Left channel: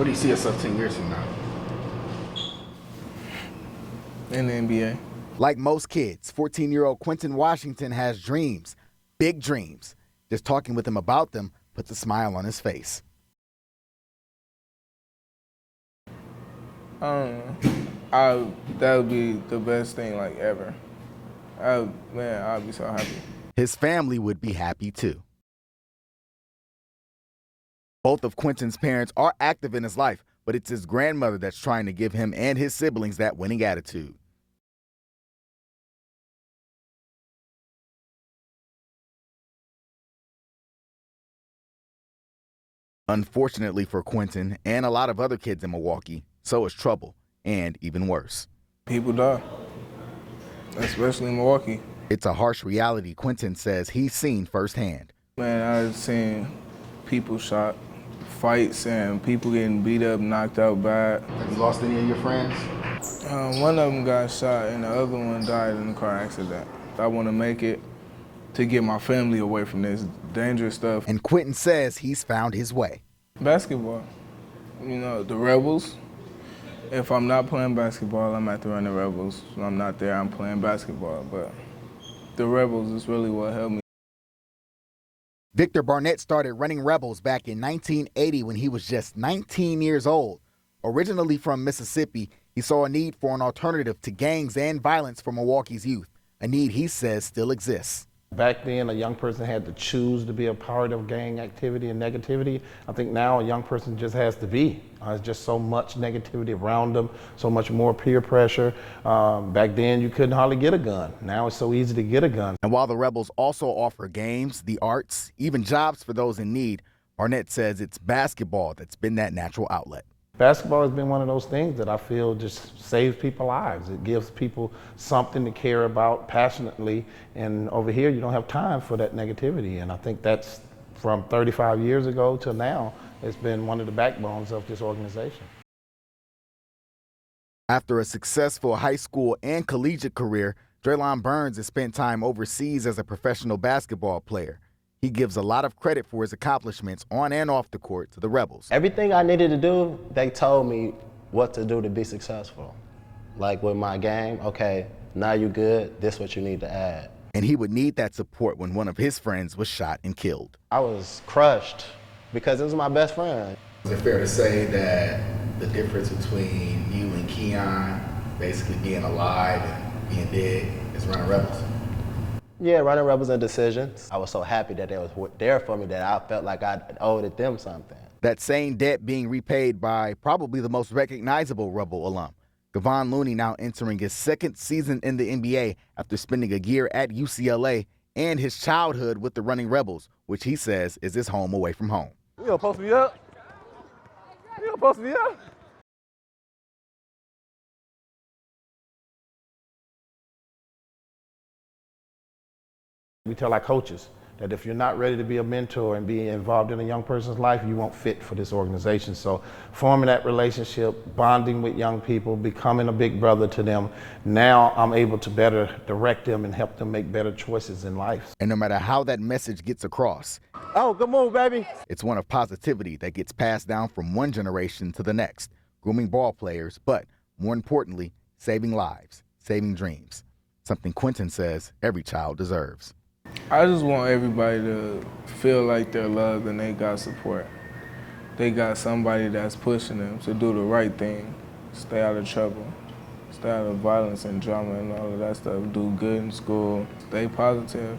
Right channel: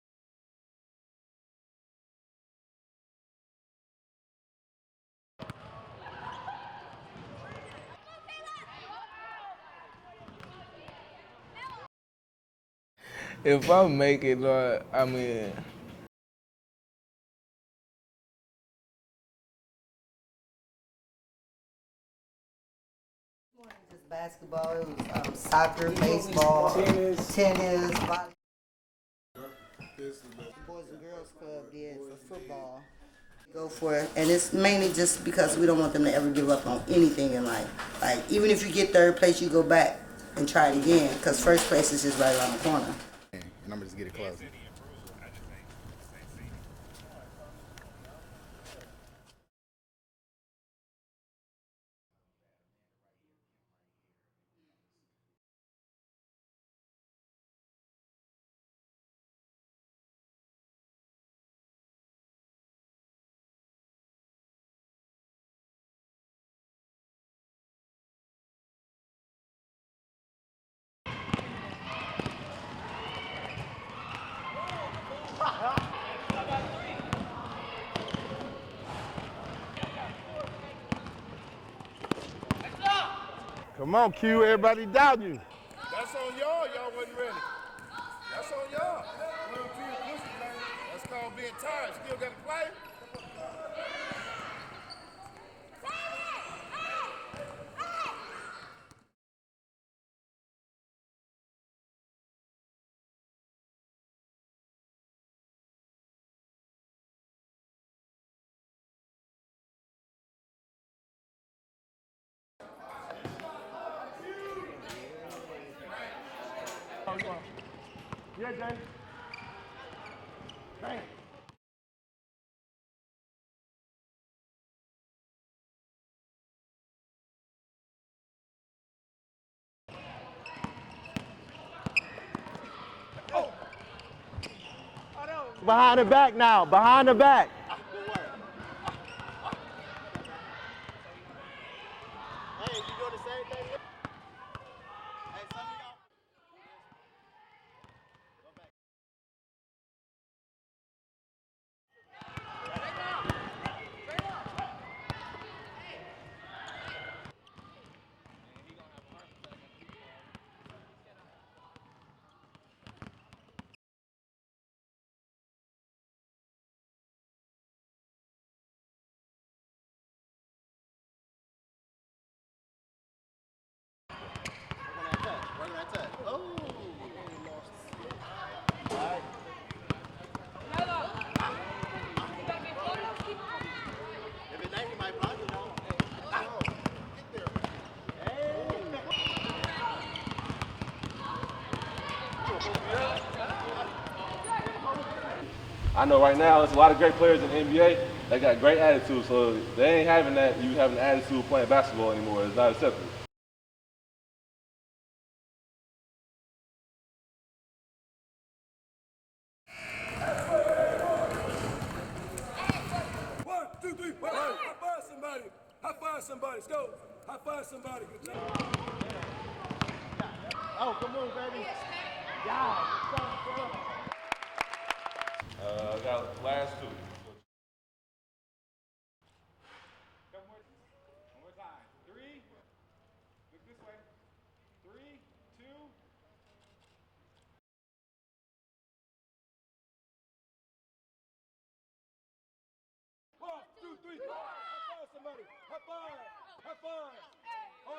What do you see yourself 10 years from now? In the NBA. Like most kids, 14-year-old Quentin Washington has dreams, big dreams. Just talking with him about them puts a smile on his face. If I make it, I mean, that would be the best thing like ever. I'd be so happy. His family would be happy too. Soccer, baseball, tennis. Both of Quentin's parents are active in his life, but it's his grandmother that's trying to give him and his siblings that winning attitude. And it's mainly just because we don't want them to ever give up on anything in life. Like, even if you get third place, you go back and try it again, because first place is just right around the corner. Unfortunately for Quentin and a lot of other kids in Milwaukee, so is trouble, and even worse. People die, especially in Milwaukee. It's a harsh reality Quentin says he's seen firsthand. Man, I've seen people shot, fights, and people getting beat up, knocked out bad. Have you lost any of your friends? One of them got shot and the other one died in a car accident. I want to make it to get my family away from this dangerous stuff. And Quentin says he's found his way. Basketball, you know, the Rebels. If I'm not playing basketball, I'm at the Running Rebels. If I'm not there, I'm playing basketball. But the Rebels is really what helped me. Come on, Q, everybody doubt you. Victor Barnett started running Rebels back in 1980 when he was just 19 years old. Originally from Mississippi, he saw a need for an alternative to gangs and violence for Milwaukee's youth, a need he says still exists. Back then, a young person had to choose to be a part of gang activity and negativity. I think now a young person just has to be. There's just so much negativity around them, so much more peer pressure. Back then, you couldn't hardly get a gun. Now it's so easy to get a gun. And while the Rebels also offer games, the arts, even jobs for those in need, Barnett says it's basketball that's been that natural outlet. Basketball has been one of those things that I feel just saves people's lives. It gives people something to care about passionately, and over here you don't have time for that negativity. And I think that's from 35 years ago to now, it's been one of the backbones of this organization. Behind the back now, behind the back. After a successful high school and collegiate career, Draylon Burns has spent time overseas as a professional basketball player. He gives a lot of credit for his accomplishments on and off the court to the Rebels. Everything I needed to do, they told me what to do to be successful. Like with my game, okay, now you good, this is what you need to add. And he would need that support when one of his friends was shot and killed. I was crushed because it was my best friend. Is it fair to say that the difference between you and Keon basically being alive and being dead is running Rebels? Yeah, running Rebels and decisions. I was so happy that they were there for me that I felt like I owed them something. That same debt being repaid by probably the most recognizable Rebel alum. Devon Looney now entering his second season in the NBA after spending a year at UCLA and his childhood with the Running Rebels, which he says is his home away from home. You gonna post me up? You gonna post me up? I know right now there's a lot of great players in the NBA. They got great attitude, so they ain't having that, you having an attitude playing basketball anymore. It's not acceptable. We tell our coaches that if you're not ready to be a mentor and be involved in a young person's life, you won't fit for this organization. So forming that relationship, bonding with young people, becoming a big brother to them, now I'm able to better direct them and help them make better choices in life. And no matter how that message gets across, Oh, good move, baby. it's one of positivity that gets passed down from one generation to the next, grooming ball players, but more importantly, saving lives, saving dreams, something Quentin says every child deserves. I just want everybody to feel like they're loved and they got support. They got somebody that's pushing them to do the right thing, stay out of trouble, stay out of violence and drama and all of that stuff, do good in school, stay positive.